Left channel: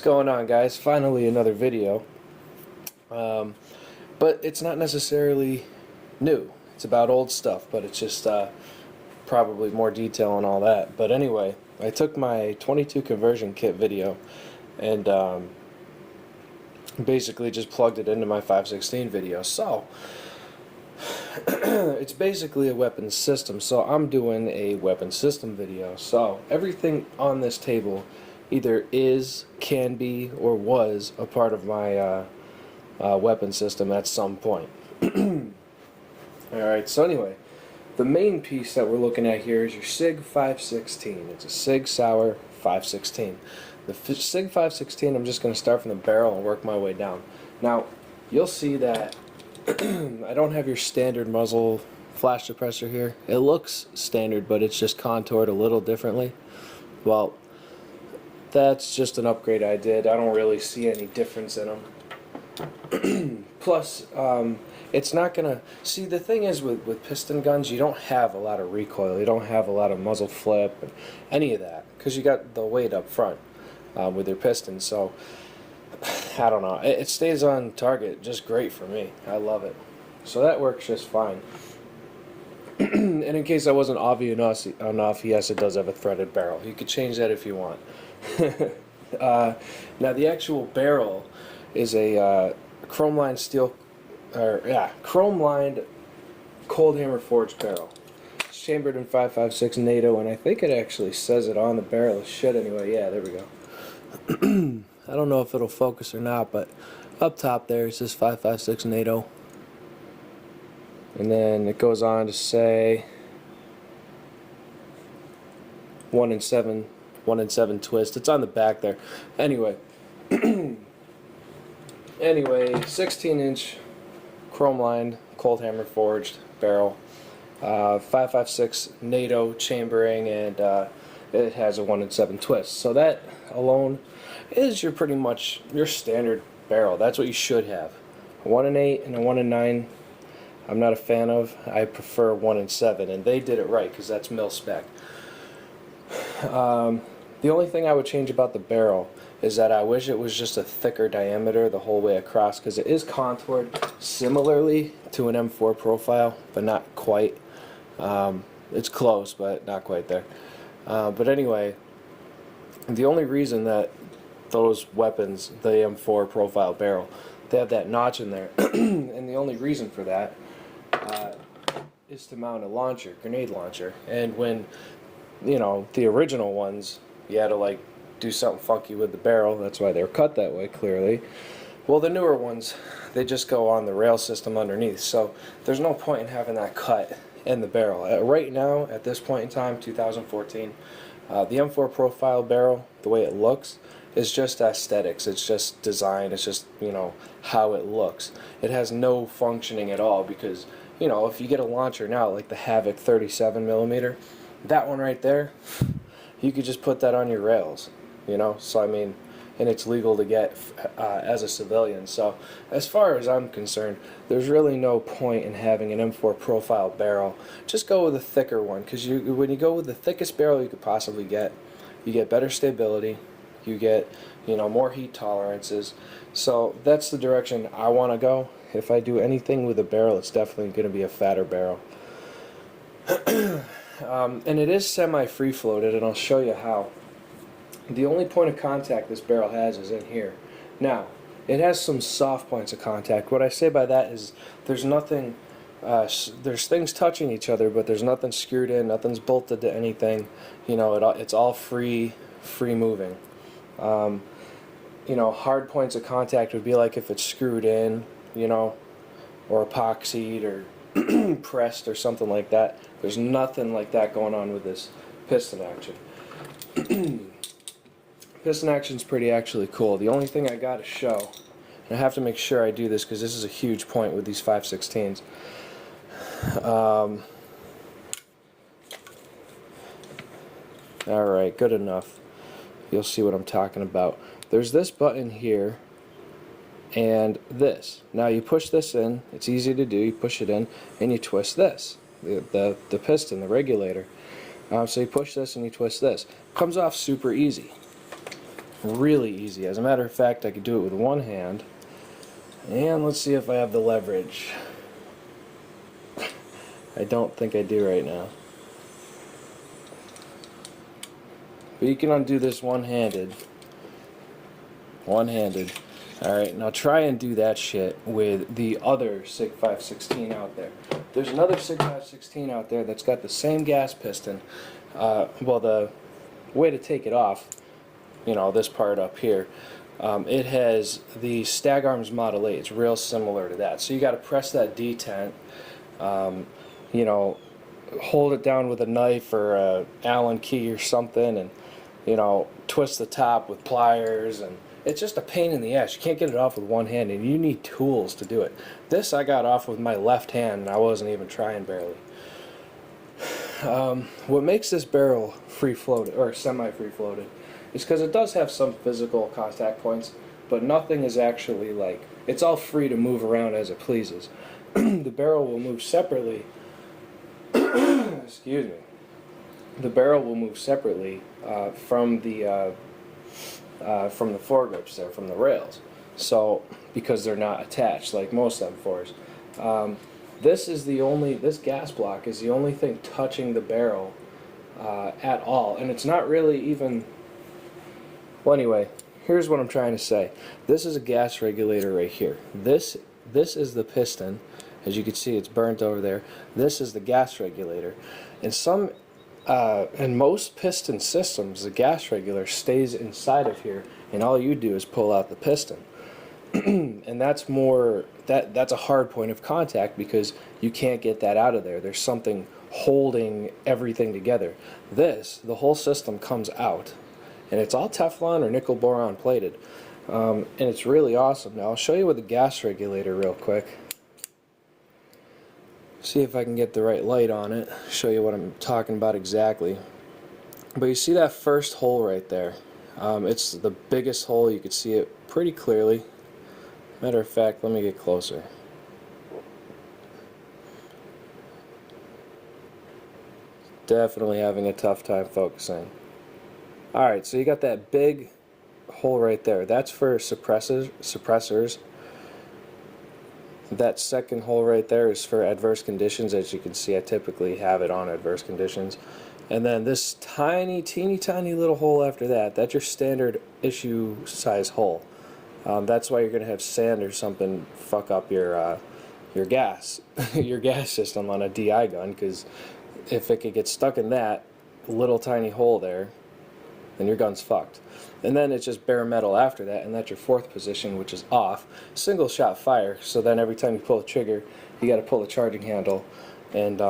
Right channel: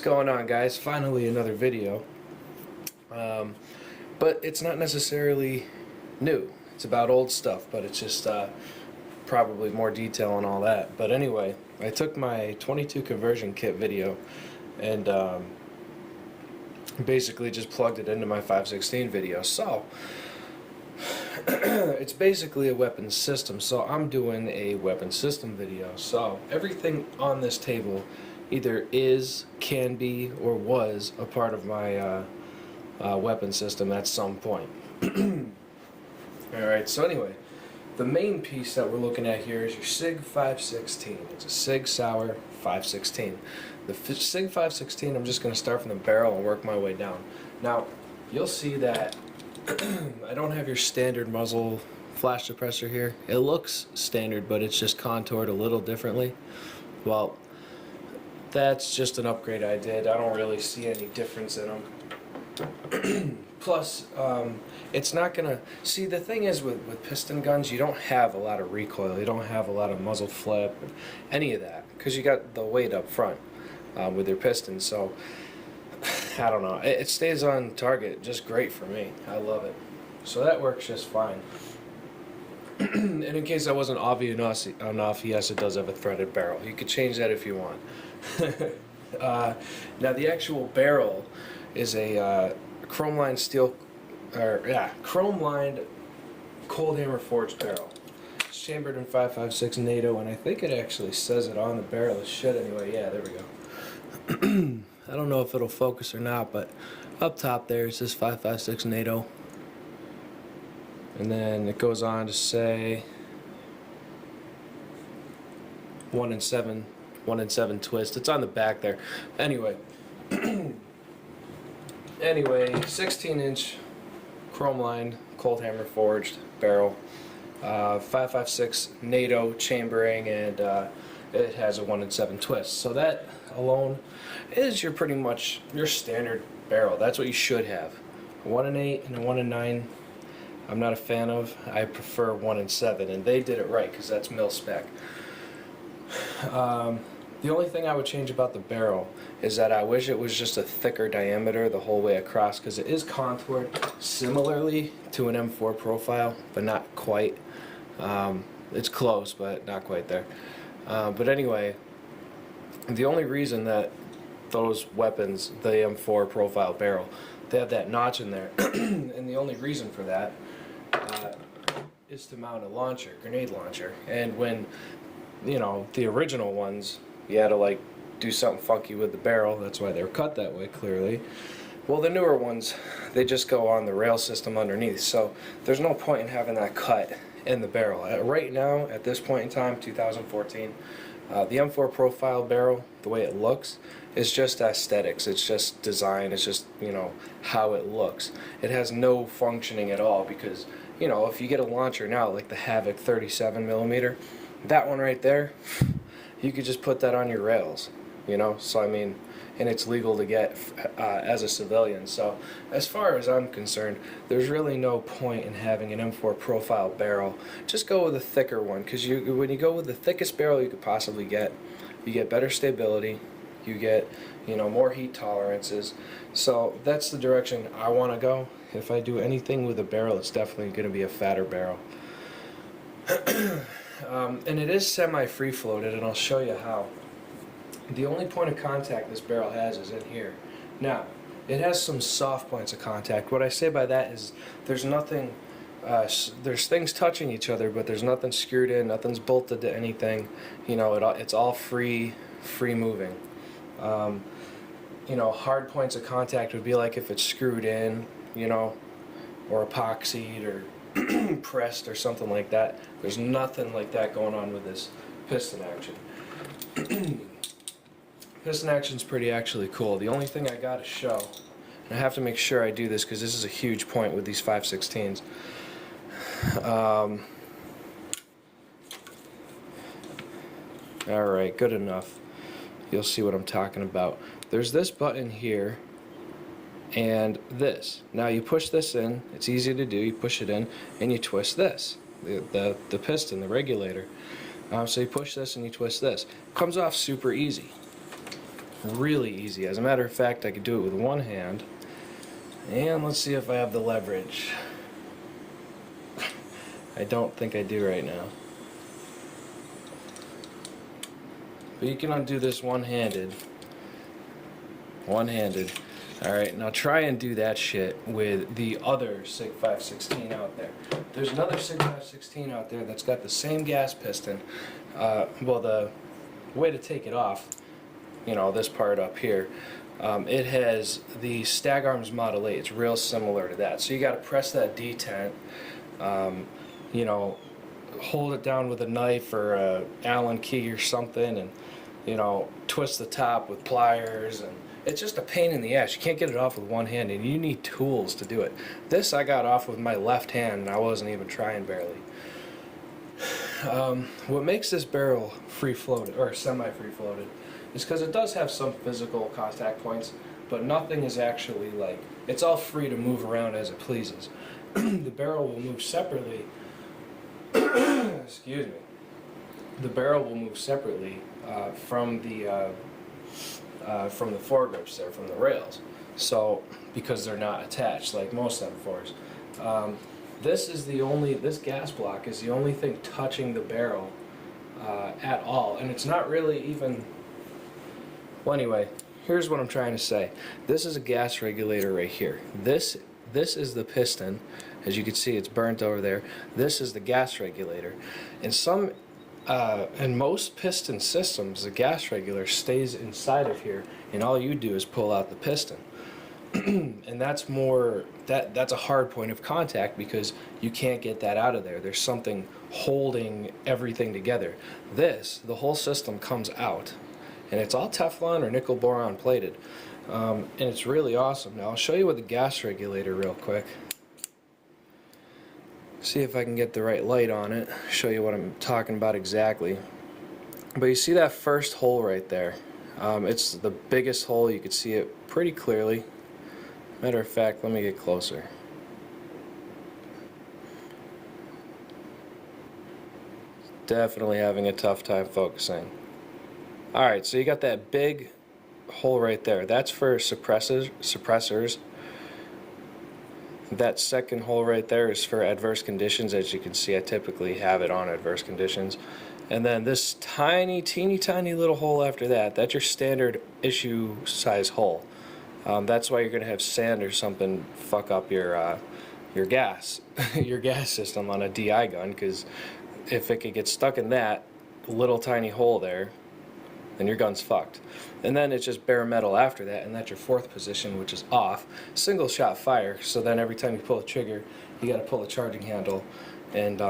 What's going on, guys? Finally another video, but it's not necessarily new. It's about old stuff, but it's just probably more detail and all that. But anyway, I took my 22 conversion kit video and basically just plugged it into my 516 video. So it's basically a weapons system, so I'm doing a weapons system video. So everything on this table either is, can be, or was a part of my weapon system at some point. Alright, so anyway, the main piece that we're looking at here is your Sig516. It's a Sig Sauer 516. The Sig516, I'm just going to start from the barrel and work my way down. Now, you'll see that I don't have your standard muzzle flash suppressor here. It looks standard, but it's just contoured a little differently. Well, that's just an upgrade I did. I don't really see any difference in them. Plus, it's not gonna... See, the thing is with piston guns, you don't have a lot of recoil. You don't have a lot of muzzle flip, any of that, because you got the weight up front with your pistons. So, I don't know. It stays on target just great for me. I love it. So that works just fine. And in case I wasn't obvious enough, yes, it does have a threaded barrel. You could change that if you want. Now the actual barrel is a chrome lined steel, chrome lined cold hammer forged barrel. It's chambered in 5.56 NATO, and I think it actually says it on the barrel. It should anyway. Yeah, there we go. I don't know if it'll focus or not, but up top there it says 5.56 NATO, and then it goes on to say 1 in 7 twist. It's on the back there. Anyway, 16-inch chrome lined cold hammer forged barrel, 5.56 NATO chambering, and it has a 1 in 7 twist. So that alone is pretty much your standard barrel. That's what you should have. A 1 in 8 and a 1 in 9. I'm not a fan of. I prefer 1 in 7, and they did it right because that's mil spec. The only thing I would change about the barrel is that I wish it was just a thicker diameter the whole way across, because it is contoured similarly to an M4 profile, but not quite. It's close, but not quite there. But anyway, the only reason that those weapons, the M4 profile barrel, they have that notch in there, and the only reason for that is to mount a launcher, grenade launcher. And when, you know, the original ones, you had to like do something funky with the barrel. That's why they're cut that way, clearly. Well, the newer ones, they just go on the rail system underneath, so there's no point in having that cut in the barrel. Right now, at this point in time, 2014, the M4 profile barrel, the way it looks, is just aesthetics. It's just design. It's just, you know, how it looks. It has no functioning at all, because, you know, if you get a launcher now, like the Havoc 37mm, that one right there, you could just put that on your rails, you know. So I mean, and it's legal to get as a civilian. So as far as I'm concerned, there's really no point in having an M4 profile barrel. Just go with a thicker one, because when you go with the thickest barrel you could possibly get, you get better stability, you get, you know, more heat tolerances. So that's the direction I want to go. If I do anything with a barrel, it's definitely going to be a fatter barrel. And it is semi-free floated, and I'll show you how. The only point of contact this barrel has is in here. Now, it has some soft points of contact. What I say by that is there's nothing, there's things touching each other, but there's nothing screwed in, nothing's bolted to anything. You know, it's all free moving. You know, hard points of contact would be like if it's screwed in, you know, or epoxied or pressed or something like that. There's nothing like that going on with this piston action. Piston action's pretty actually cool. The only thing I gotta show, and I have to make sure I do this because this is a huge point with these 5.16s. Alright, good enough. You'll see what I'm talking about. There's this button here and this. Now you push this in, it's easy to do, you push it in and you twist this, the piston, the regulator. So you push this and you twist this. Comes off super easy. Really easy. As a matter of fact, I could do it with one hand. And let's see if I have the leverage. I don't think I do right now. But you can undo this one-handed. One-handed. Alright, now try and do that shit with the other Sig516 out there. There's another Sig516 out there that's got the same gas piston. Well, the way to take it off, you know, this part up here, it has the Stag Arms Model 8. It's real similar to that. So you got to press that detent, you know, hold it down with a knife or a Allen key or something, and, you know, twist the top with pliers, and it's just a pain in the ass. You can't get it off with one hand, and you need tools to do it. This I got off with my left hand, and I wasn't even trying barely. What makes this barrel free-floated, or semi-free-floated, is because it does have some physical contact points, but nothing is actually, like, it's all free to move around as it pleases. The barrel will move separately. Excuse me. The barrel will move separately from the foregrips there, from the rails. So, because they're not attached like most M4s. This gas block is the only thing touching the barrel at all, and it's not really even. Well, anyway, here's what I'm trying to say. This is a gas regulator right here. This is the piston. As you can see, it's burnt over there. This is the gas regulator. In most piston systems, the gas regulator stays inside of here, and all you do is pull out the piston. And that's a hard point of contact because you can't get that out of there. There's something holding everything together. The whole system comes out, and it's all Teflon or nickel boron plated, and it's really awesome. Now I'll show you with the gas regulator real quick. See if I can get the right light on it, show you what I'm talking about exactly. But you see that first hole right there? It's the biggest hole. You can see it pretty clearly. Matter of fact, let me get closer. Definitely having a tough time focusing. Alright, so you got that big hole right there. That's for suppressors. That second hole right there is for adverse conditions. As you can see, I typically have it on adverse conditions. And then this teeny tiny little hole after that, that's your standard issue size hole. That's why you're going to have sand or something fuck up your gas your gas system on a DI gun, because if it could get stuck in that little tiny hole there, then your gun's fucked. And then it's just bare metal after that, and that's your fourth position, which is off. Single shot fire, so then every time you pull the trigger, you got to pull the charging handle and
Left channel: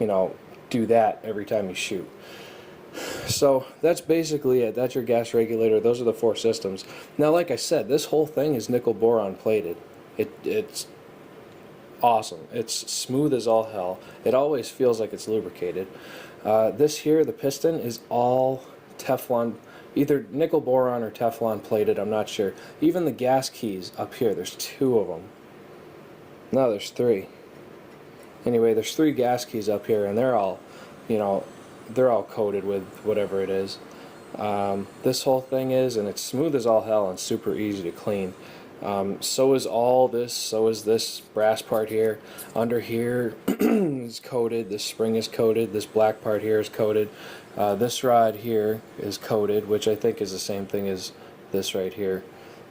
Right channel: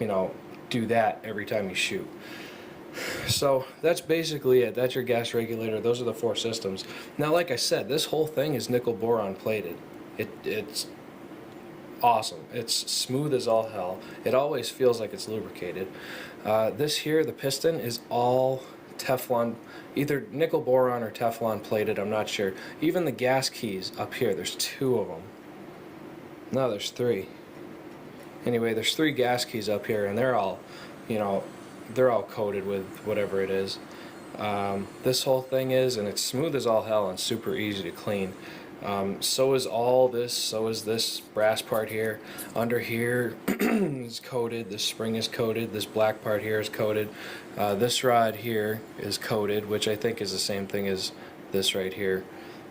you know, do that every time you shoot. So that's basically it. That's your gas regulator. Those are the four systems. Now, like I said, this whole thing is nickel boron plated. It's awesome. It's smooth as all hell. It always feels like it's lubricated. This here, the piston, is all Teflon, either nickel boron or Teflon plated, I'm not sure. Even the gas keys up here, there's 2 of them. No, there's 3. Anyway, there's 3 gas keys up here, and they're all, you know, they're all coated with whatever it is. This whole thing is, and it's smooth as all hell and super easy to clean. So is all this, so is this brass part here. Under here is coated, this spring is coated, this black part here is coated. This rod here is coated, which I think is the same thing as this right here.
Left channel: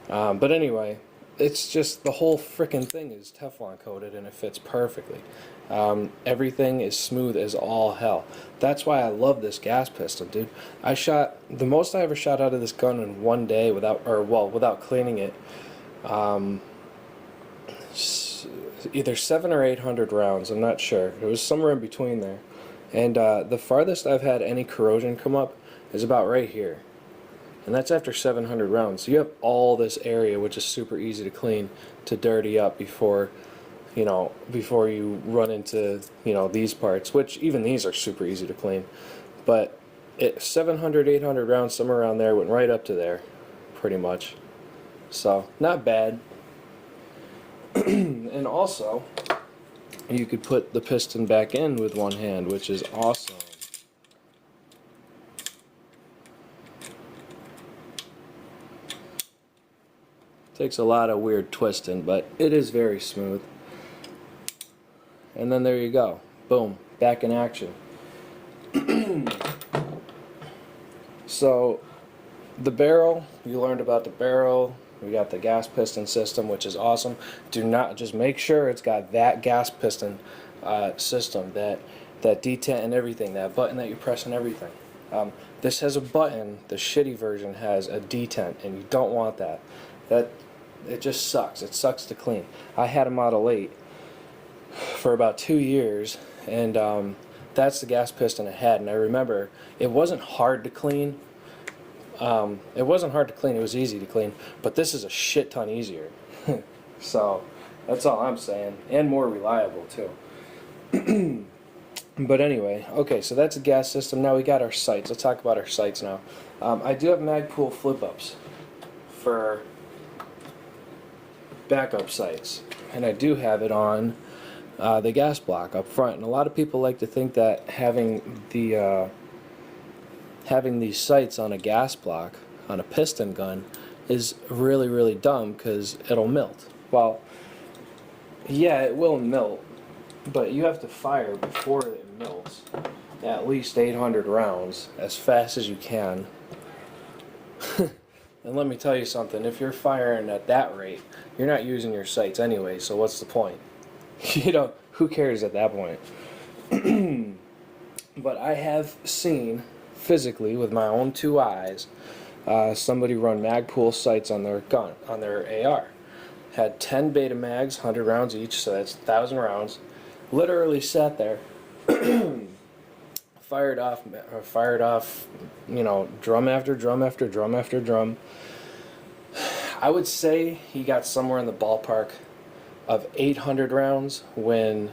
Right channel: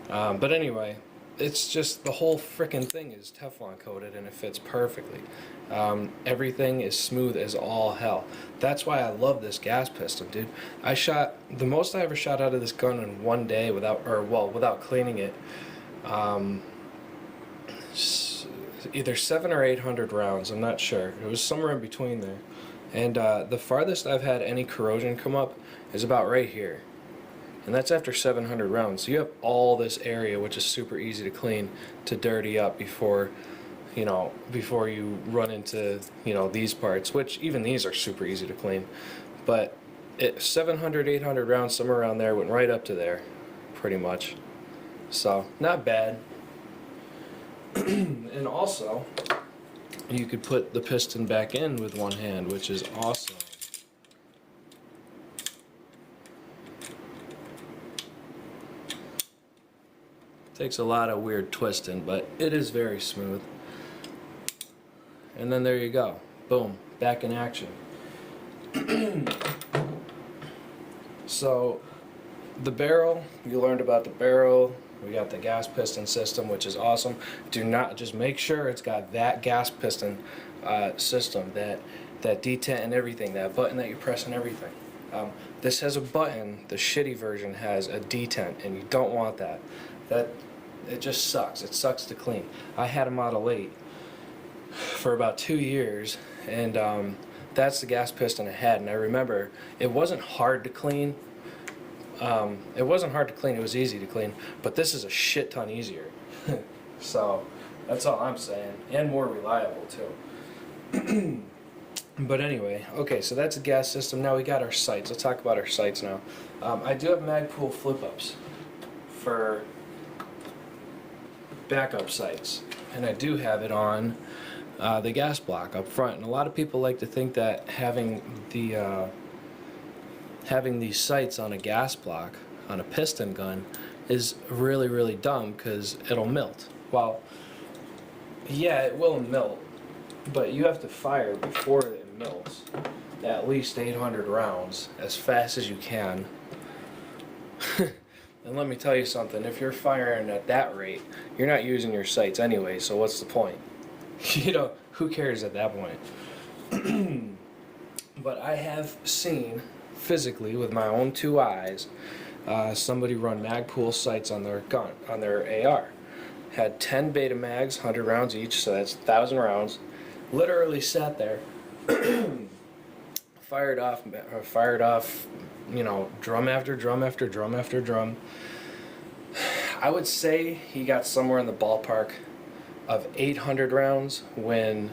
But anyway, it's just the whole frickin' thing is Teflon coated, and it fits perfectly. Everything is smooth as all hell. That's why I love this gas pistol, dude. I shot, the most I ever shot out of this gun in one day without cleaning it, either 700 or 800 rounds, I'm not sure. It was somewhere in between there. And the farthest I've had any corrosion come up is about right here. And that's after 700 rounds. So you have all this area, which is super easy to clean, to dirty up before you run into, these parts, which even these are super easy to clean. But 700, 800 rounds, somewhere around there, went right up to there, pretty much. So, not bad. And also, you could put the piston back in with one hand, which is awesome. Takes a lot of weird twisting, but it is very smooth. And then there you go. Boom. Back in action. So, the barrel, you learned about the barrel. We got the gas piston system, which is awesome. Do not, just make sure it's got that gas piston system, that detent and everything, that button that you press and everything. This has a button, the shitty version has a detent, and you don't want that. It just sucks. It sucks to clean. I had a Model 8 for about 2 years, and that's the gas piston I had, and I remember it wasn't hard to clean. It wasn't hard to clean, it was easy to clean, but this is a shit ton easier. So, that's all I'm saying, and more reliable too. But anyway, okay, so that's a gas system. Now we got our sights. Let's talk about our sights now. I do have Magpul flip-ups for backup sights, and I do have it on the gas block up front. And a lot of people like to think that having these sights on a gas block, on a piston gun, is really, really dumb because it'll melt. Well, yeah, it will melt, but you have to fire before it melts at least 800 rounds as fast as you can. And let me tell you something, if you're firing at that rate, you're not using your sights anyway, so what's the point? You know, who cares at that point? But I have seen physically with my own 2 eyes somebody run Magpul sights on their gun, on their AR. Had 10 beta mags, 100 rounds each, so that's 1,000 rounds. Literally sat there, fired off, you know, drum after drum after drum after drum. I would say he got somewhere in the ballpark of 800 rounds when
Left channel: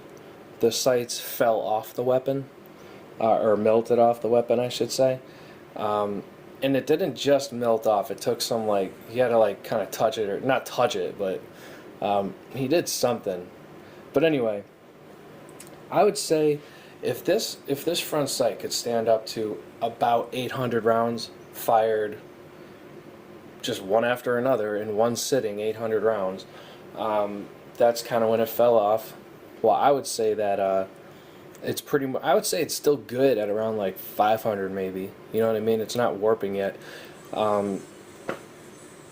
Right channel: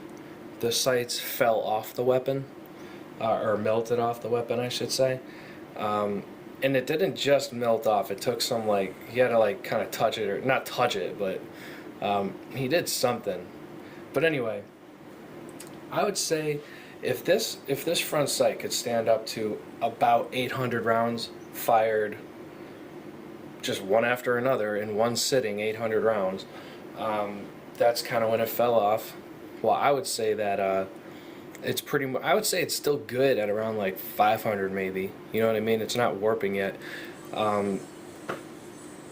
the sights fell off the weapon, or melted off the weapon, I should say. And it didn't just melt off. It took some, like, he had to, like, kind of touch it, or not touch it, but he did something. But anyway, I would say if this front sight could stand up to about 800 rounds fired just one after another in one sitting, 800 rounds, that's kind of when it fell off. Well, I would say that it's pretty much, I would say it's still good at around like 500 maybe. You know what I mean? It's not warping yet.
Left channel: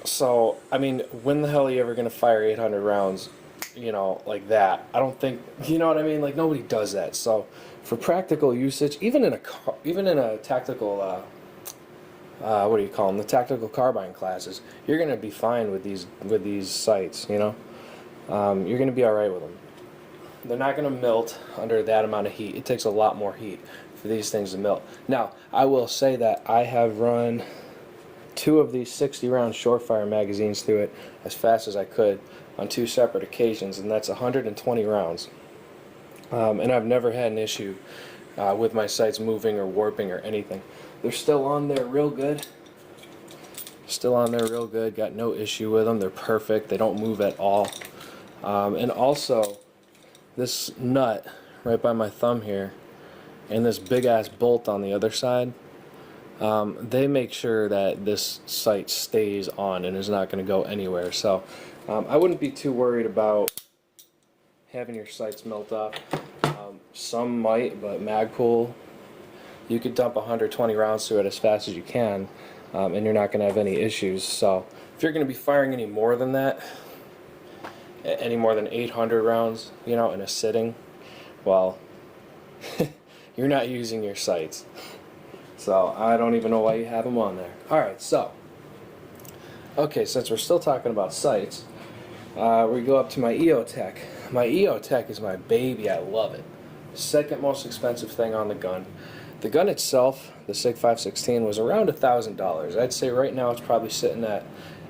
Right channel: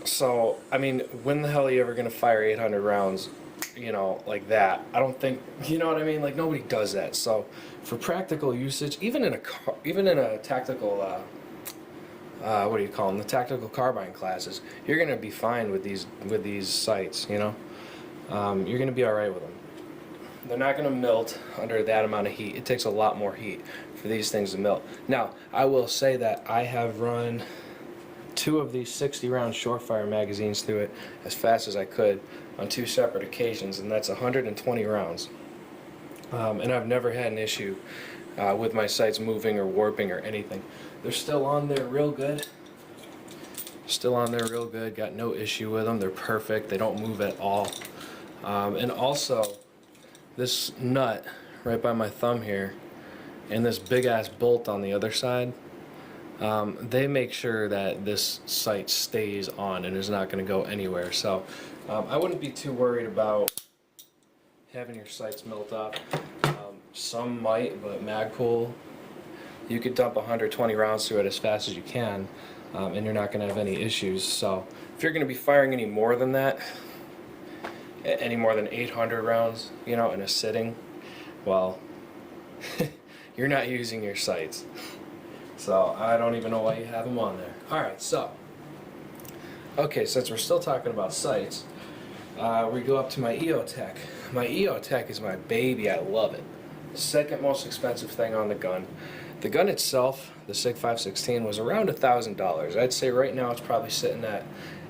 So, I mean, when the hell are you ever going to fire 800 rounds, you know, like that? I don't think, you know what I mean? Like, nobody does that. So, for practical usage, even in a tactical, what do you call them? The tactical carbine classes, you're going to be fine with these sights, you know? You're going to be alright with them. They're not going to melt under that amount of heat. It takes a lot more heat for these things to melt. Now, I will say that I have run 2 of these 60-round short-fire magazines through it as fast as I could on 2 separate occasions, and that's 120 rounds. And I've never had an issue with my sights moving or warping or anything. They're still on there real good. Still on there real good. Got no issue with them. They're perfect. They don't move at all. And also, this nut right by my thumb here and this big ass bolt on the other side, they make sure that this sight stays on and is not going to go anywhere. So I wouldn't be too worried about having your sights melt off. Some might, but Magpul, you could dump 120 rounds through it as fast as you can, and you're not going to have any issues. So if you're going to be firing any more than that, any more than 800 rounds, you know, in a sitting, well, you're not using your sights. So I don't even know why you have them on there. Alright, so, okay, since we're still talking about sights, we go up to my EOTech. My EOTech is my baby. I love it. The second most expensive thing on the gun. The gun itself, the Sig516, was around $1,000. I'd say right now it's probably sitting at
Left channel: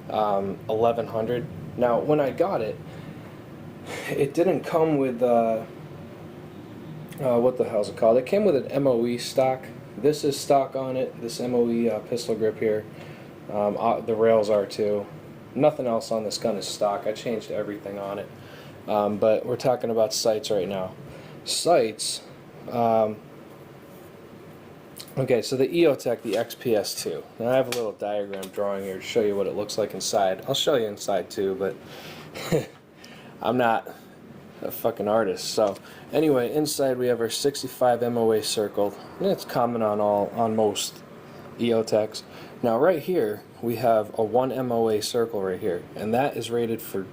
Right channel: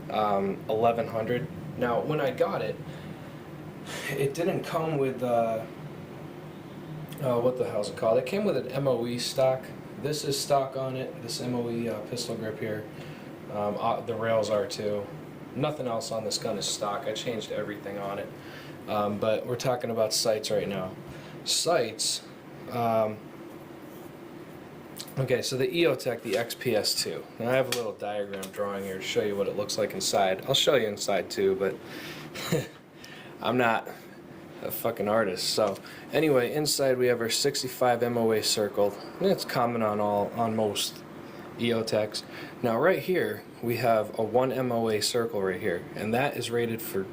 $1,100. Now, when I got it, it didn't come with, what the hell's it called? It came with an MOE stock. This is stock on it, this MOE pistol grip here. The rails are too. Nothing else on this gun is stock. I changed everything on it. But we're talking about sights right now. Sights, Okay, so the EOTech, the XPS2. Now I have a little diagram drawing here to show you what it looks like inside. I'll show you inside too, but I'm not a fucking artist. So anyway, inside we have our 65 MOA circled. It's common on most EOTechs. Now right here we have a 1 MOA circle right here, and that is rated for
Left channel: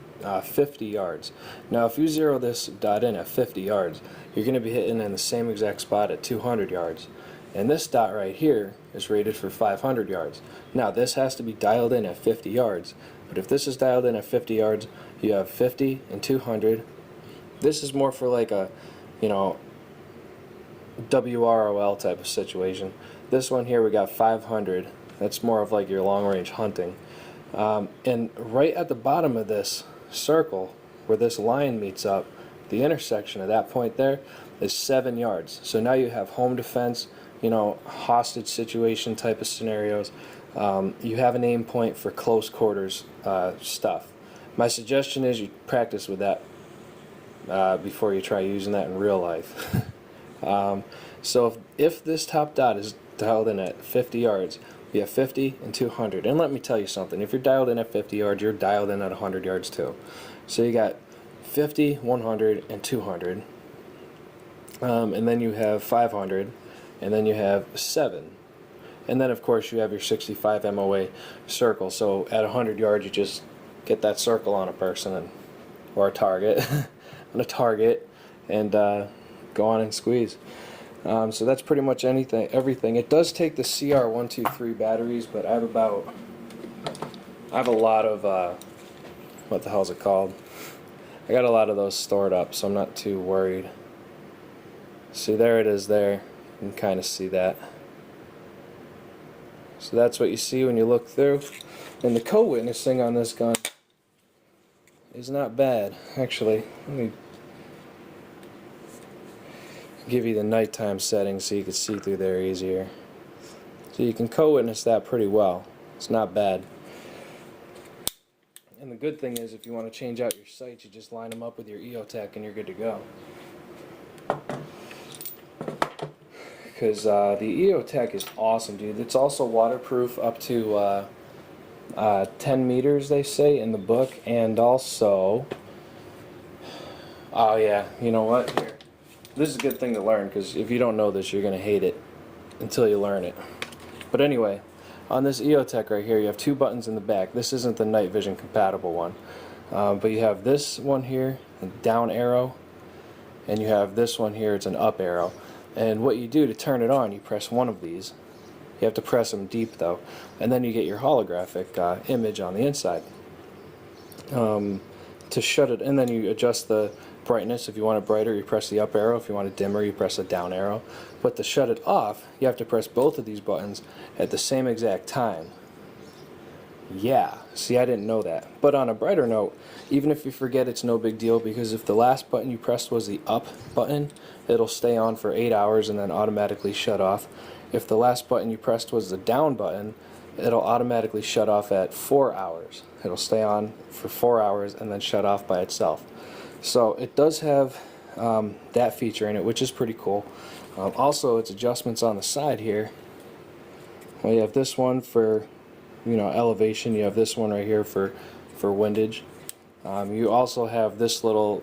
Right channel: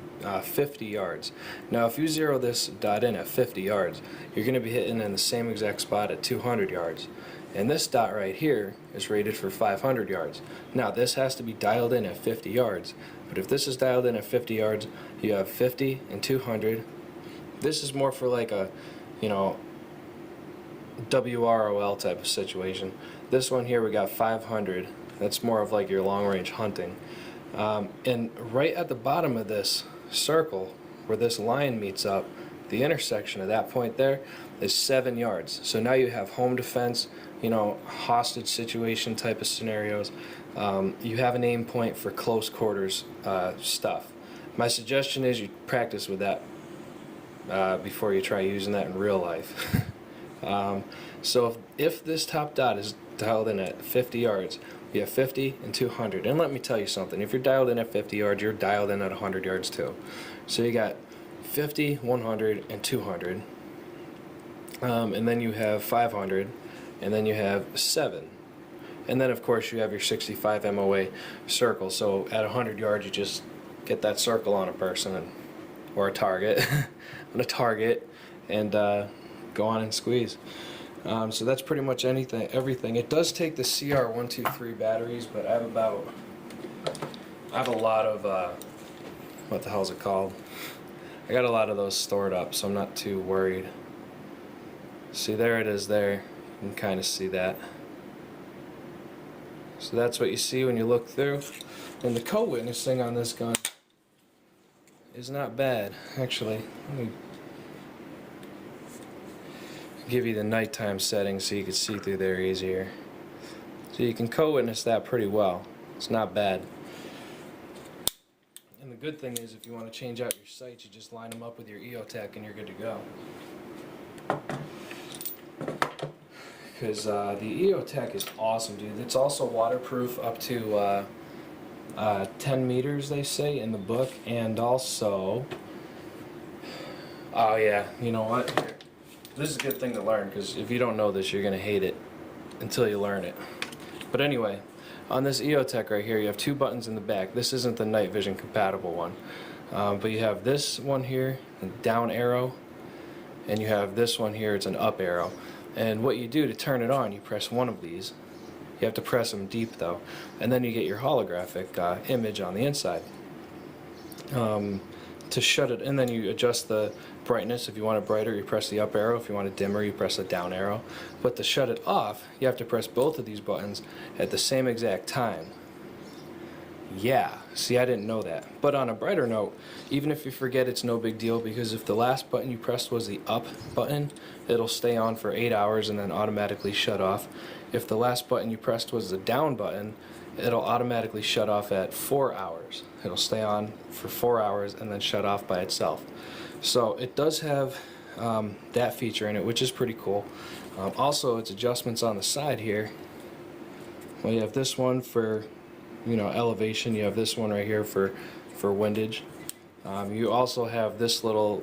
50 yards. Now if you zero this dot in at 50 yards, you're going to be hitting in the same exact spot at 200 yards. And this dot right here is rated for 500 yards. Now this has to be dialed in at 50 yards, but if this is dialed in at 50 yards, you have 50 and 200. This is more for like a, you know, WROL type of situation. This one here we got 500. That's more of like your long range hunting. And right at the bottom of this circle, where this line meets up, the intersection of that point there is 7 yards. So now you have home defense, you know, hostage situation type of scenarios. You have an aim point for close quarters stuff. My suggestion is you practice with that before you try using that in real life. So if this top dot is dialed in at 50 yards, you have 50 and 200. And let me tell you something, if you're dialed in at 50 yards, you're dialed in at 100 yards too. So you got 50, 100, and 200. And then you have 500, and then you have 7. And then of course you have your 65 MOA circle. So at 100 yards you just get that circle on a person or a target, on a target, and go on and squeeze. So that's pretty much everything. It does take the CR123 batteries, but I have a lot of what the hell is it called? I got a lot of those stored up, so I'm not too worried. See, there it is there. You can kind of see that. So that's what you see when you look through. And the co-witnessing on this gun is not bad, actually. Let me give you the nighttime settings so you can see through there easier. So you can co-witness that pretty well. It's not bad. And the good thing is, if you want to change out your sights, you just line them up with your EOTech and you're good to go. Because the EOTech is awesome, dude. It's also waterproof up to 10 meters, they say in the book, and also, oh yeah, you know what? Here. This is a good thing to learn, because if you don't know this, you're going to hate it until you learn it. But anyway, on this EOTech right here, you have 2 buttons in the back. This isn't the night vision compatible one. But you have this one here, a down arrow, and you have this one here, it's an up arrow. And what you do to turn it on, you press one of these. You have to press them deep though. And then you get your holographic image on the inside. To shut it, and then you adjust the brightness. If you want it brighter, you press the up arrow. If you want it dimmer, you press the down arrow. But to shut it off, you have to press both of these buttons at the same exact time. Yeah, see, I didn't know that. But on a brighter note, even if you forget, it's no big deal, because if the last button you pressed was the up button, it'll stay on for 8 hours and then automatically shut off. If the last button you pressed was the down button, it'll automatically shut off at 4 hours. It'll stay on for 4 hours and then shut off by itself. So it does have that feature in it, which is pretty cool. Also, its adjustments on the side here. Well, you have this one for, you know, elevation. You have this one right here for windage. You also have this little